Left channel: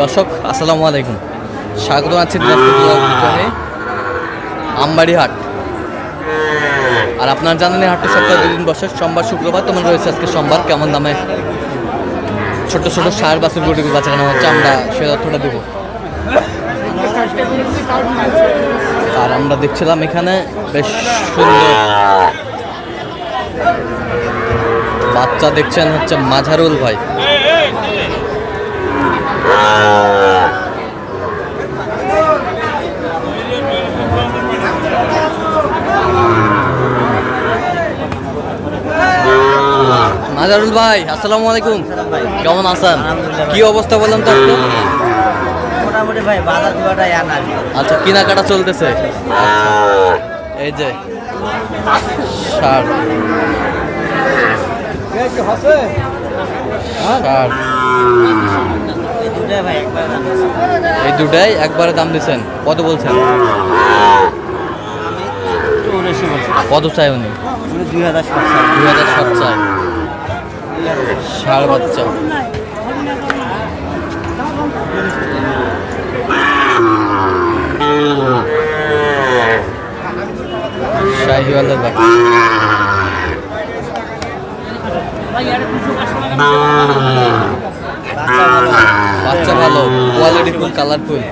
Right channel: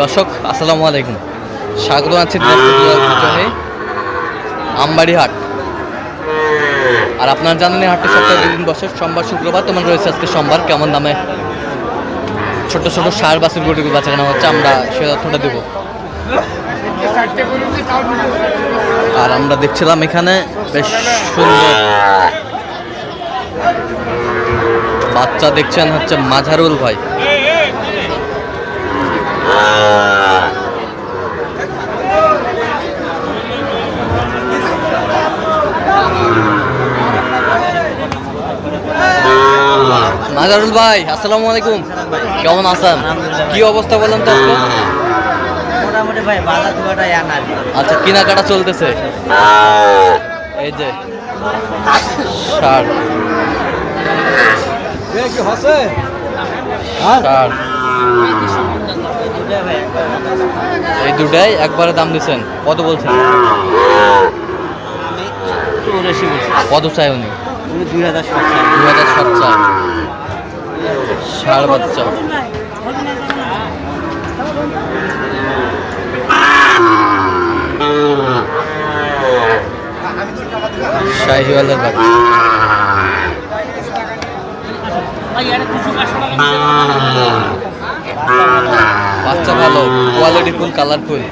দর্শক, আসসালামু আলাইকুম। স্বাগত আছি আমবাড়ি হাট আর আপনার জানেন এই হাটটি সপ্তাহে দুদিন বসে, সোমবার, শুক্রবার। তোমার রয়েছে আজকে সোমবার, কেমন দামে ছোট ছোট সার বাছুর গরুগুলো বাচ্চা কেনা হচ্ছে, আমরা সে তথ্যটা দেবো। আর আমরা দেখছিলাম এখানে বেশ সুন্দর। বাচ্চা দেখছেন হচ্ছে মাঝারুল ভাই। মাজারুল ভাই আসসালামু আলাইকুম। ভাই কেমন আছেন? কি অবস্থা বললাম তো আজকে? মোটামুটি ভাই বাজার দুয়াটা ইয়ান আর কি আচ্ছা কেনাকাটা চলতেছে? এই যে সার সার এই দুটাই একবার দাম দিচ্ছেন কত বলছেন? কত চাই উনি? উনি দুই হাজার ষাট চাই। ষাট চাই। ষাড় বাচ্চা। শাহিওয়ালের বাচ্চা। বাচ্চা ভালো কোয়ালিটি ফুল কালারফুল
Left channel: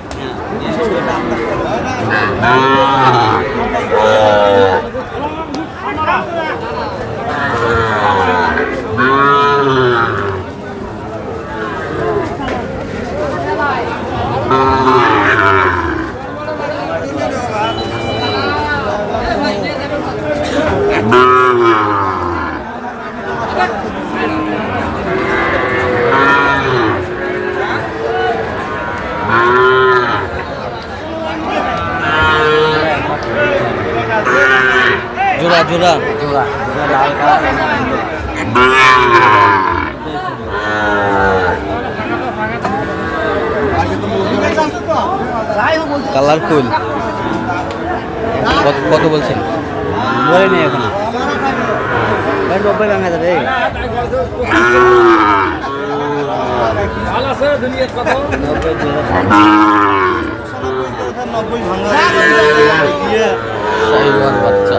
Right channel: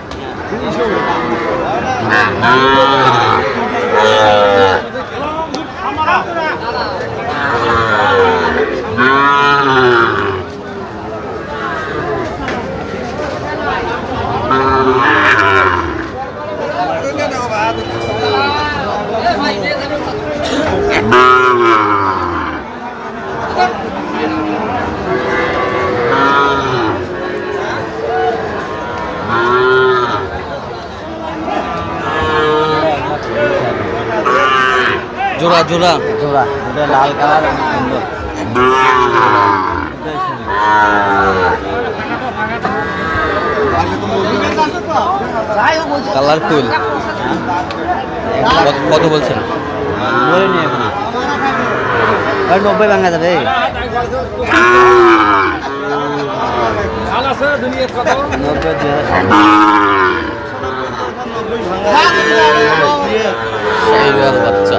জোড়া কালারফুল। কত কত বলছেন? বলে নেই এখন। নব্বই ভাঙা যাবে নব্বই দুই হাজার শাহিওয়াল বাচ্চা।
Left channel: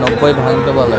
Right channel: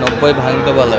নব্বই ভাঙতে বলে।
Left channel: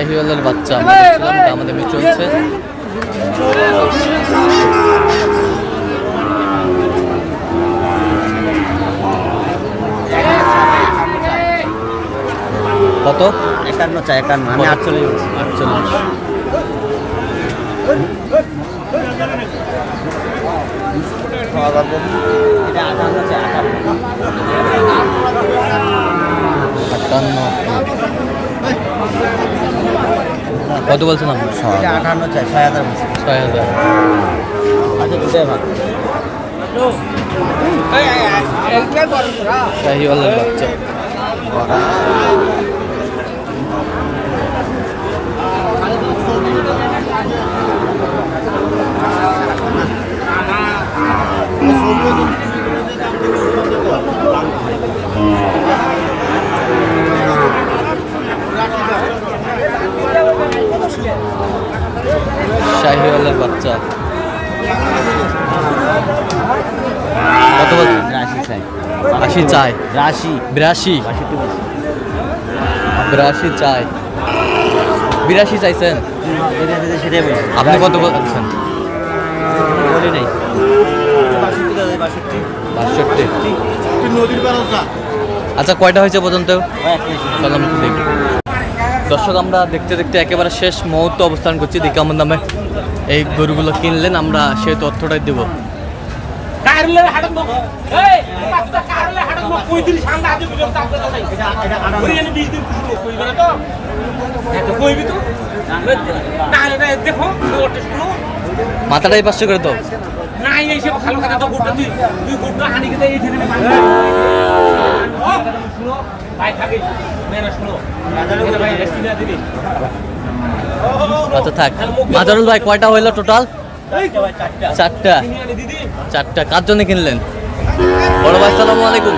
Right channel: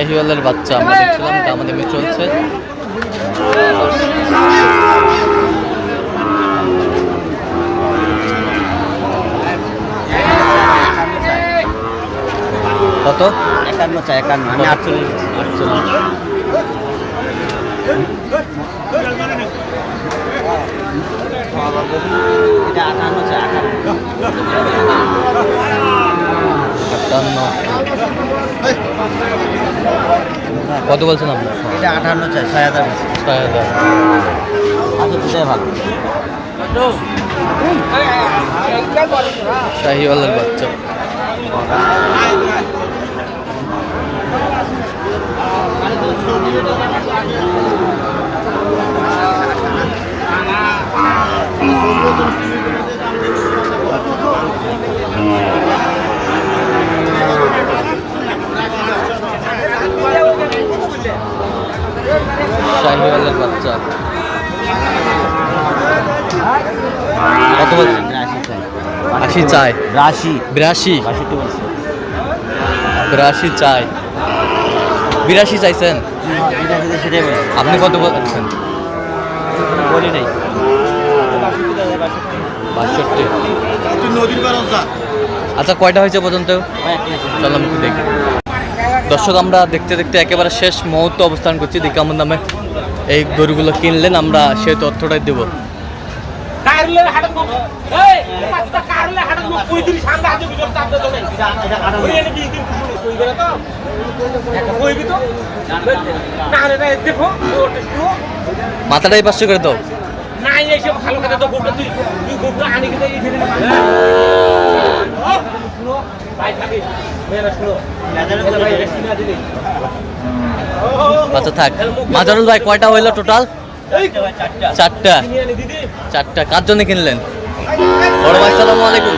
শাহিওয়ালের বাচ্চা আমরা দেখছিলাম দামাদামি চলছে। কত? একান্ন চাই একান্ন। আমি আটচল্লিশ। আটচল্লিশ। আটান্ন। কত বলছেন আপনার এটা আঠান্ন চাই ছয় হাজার ছয় হাজার। আচ্ছা দুটোই ভালো। শাহিওয়ালের বাচ্চা। কত বলছেন আশি চাই। রাশি বিরাশি। বিরাশি চাই। বিরাশি চাইছেন? আপনি কত বলছেন। বলি নেই বাষট্টি। আচ্ছা কয়টা হয়েছে পর্যন্ত? চল আমি দেখি। দর্শক আমরা দেখতে দেখতে একেবারে শেষ মুহূর্ত অবস্থান করছি দেখি কেমন দামে এই গরুগুলো কিনলেন আমরা সেই তথ্যটাই দেবো। কারলে হাড়ত নক এই পাঁচটা কারলে হাড়ত নক কই দিন সাঙ্গা আজ বিগত তাতে তো নাই ওই এনে 20 দিন কুসুম কইবে না তো। এটা কইবি তো না হলে না দেখো ওটা শুনো। মাথাটাই পাঁচশো করে নাই এসে ভালো কথা তো গোটা তুই তুই গোটা আনি কিন্তু এই ছেলে ভাই থাকে। শুনো। আচ্ছা থাক। মাজারুল ভাই কয়টা হইল টোটাল চারটা। চারটা। কার জন্য কিনলেন? বড় ভাই সালামু আলাইকুম।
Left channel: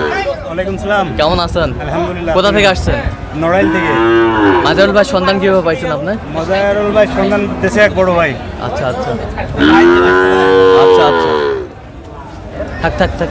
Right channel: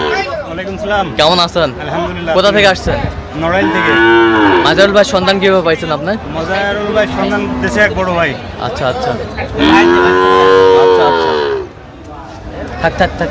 ওয়ালাইকুম সালাম। কেমন আছেন? আলহামদুলিল্লাহ কোথা থেকে আসছেন? নড়াইল থেকে। মাজারুল ভাই সন্ধান কীভাবে পাইছেন আপনার? মজারুল ভাই সন্ধান দেশে এক বড় ভাই। আচ্ছা আচ্ছা। আচ্ছা আচ্ছা। থাক থাক থাক।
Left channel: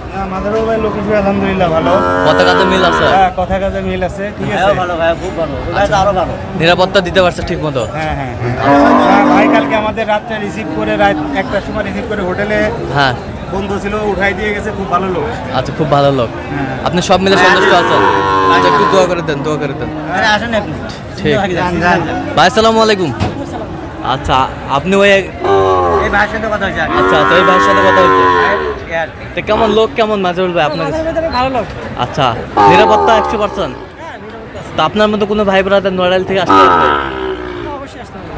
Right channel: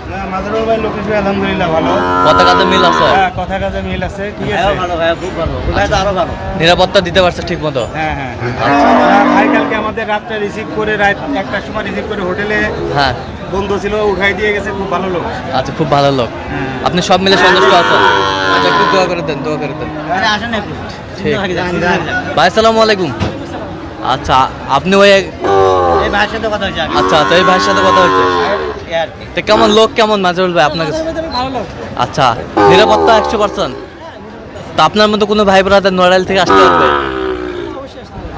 ভাই লোকেশ ভাই আলহামদুলিল্লাহ ভালো। কথা কাজে মিল আছে? হ্যাঁ কথা কাজে মিল আছে ঠিক আছে? ভাইও ভালো ভাইও খুব ভালো। ভাই তো আরও ভালো। নিরাপত্তা দিতে পারছে ঠিক মতো হ্যাঁ। হ্যাঁ হ্যাঁ, ভাই কালকে আমাদের রাতটা রিসিভ করে রাত একটার সময় রিসিভ করে হোটেলে হ্যাঁ। বন্ধু ছিল উঠাই দিয়ে গেছে খুব ভালো লোক। আচ্ছা খুব ভালো লোক। হ্যাঁ। আপনি সব মিলে সন্তুষ্ট আছেন? আচ্ছা একটু দোয়া করে দেন দোয়া করে দেন। আরে আসেন একটু। ঠিক। যান। ভাই আসসালামু আলাইকুম। আচ্ছা আপনি ওই ভাইয়ের সাথে কথা হচ্ছে আগে। আচ্ছা তো এই ভাইয়ের সাথে কথা আর কি। তো কেমন লোক কেমন মাজারুল ভাই আপনার কাছে? আচ্ছা নিরাপত্তা একশো পার্সেন্ট তো আপনার মতো কোনো ভাই ব্রাদার নোয়ারাইল থেকে আসতে পারবে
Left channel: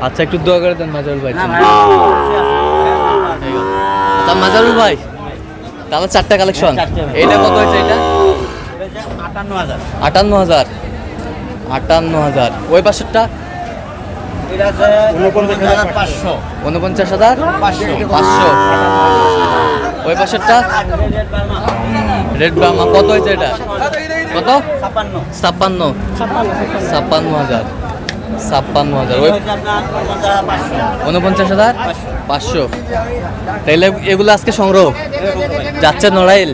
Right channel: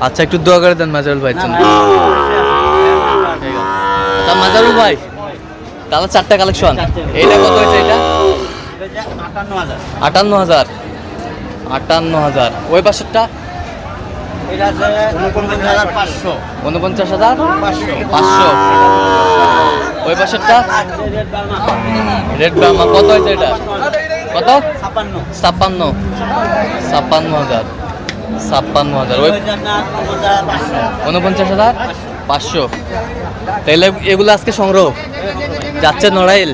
আচ্ছা একটু দোয়া করে দেন মাজারুল ভাই আচ্ছা মাজারুল ভাই তাহলে চারটা কালেকশন এইটা কত হয়েছে এটা হচ্ছে 58,000 আটান্ন হাজার। আটান্ন হাজার। ওই পাশেরটা? এটা আছে 49,500 উনপঞ্চাশ হাজার? পাঁচশো। ওই পাশেরটা? রেড ব্রাহ্মা কত হয়েছে এটা? কত? 56 ছাপ্পান্ন। ছাপ্পান্ন হাজার। ছাপ্পান্ন হাজার। ওই হচ্ছে আপনার 49,500 উনপঞ্চাশ হাজার? পাঁচশো। তাহলে এগুলো আজকে সংগ্রহ? যাচ্ছে নড়াইল।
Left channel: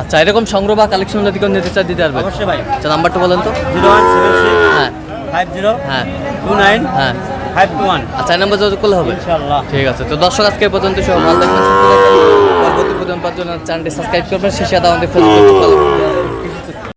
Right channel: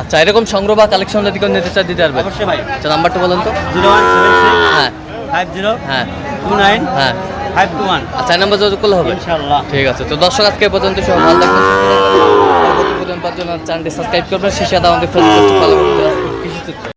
আচ্ছা এরকম সংগ্রহ বা কালেকশন যদি কেউ নিতে চায় দিতে পারবে। অবশ্যই ভাই। আচ্ছা নাম্বারটা বলেন তো। 0176 হ্যাঁ। 50 হ্যাঁ। 29 হ্যাঁ। 521 আচ্ছা এই নাম্বার যোগাযোগ করলে হবে? ইনশাআল্লাহ। ঠিক আছে তো দর্শক আজকে পর্যন্ত সব ভালো থাকবেন। পরবর্তী পর্যন্ত চ্যানেলটি সাবস্ক্রাইব করবেন শেষে আমাদের ফেসবুক ফলো করবেন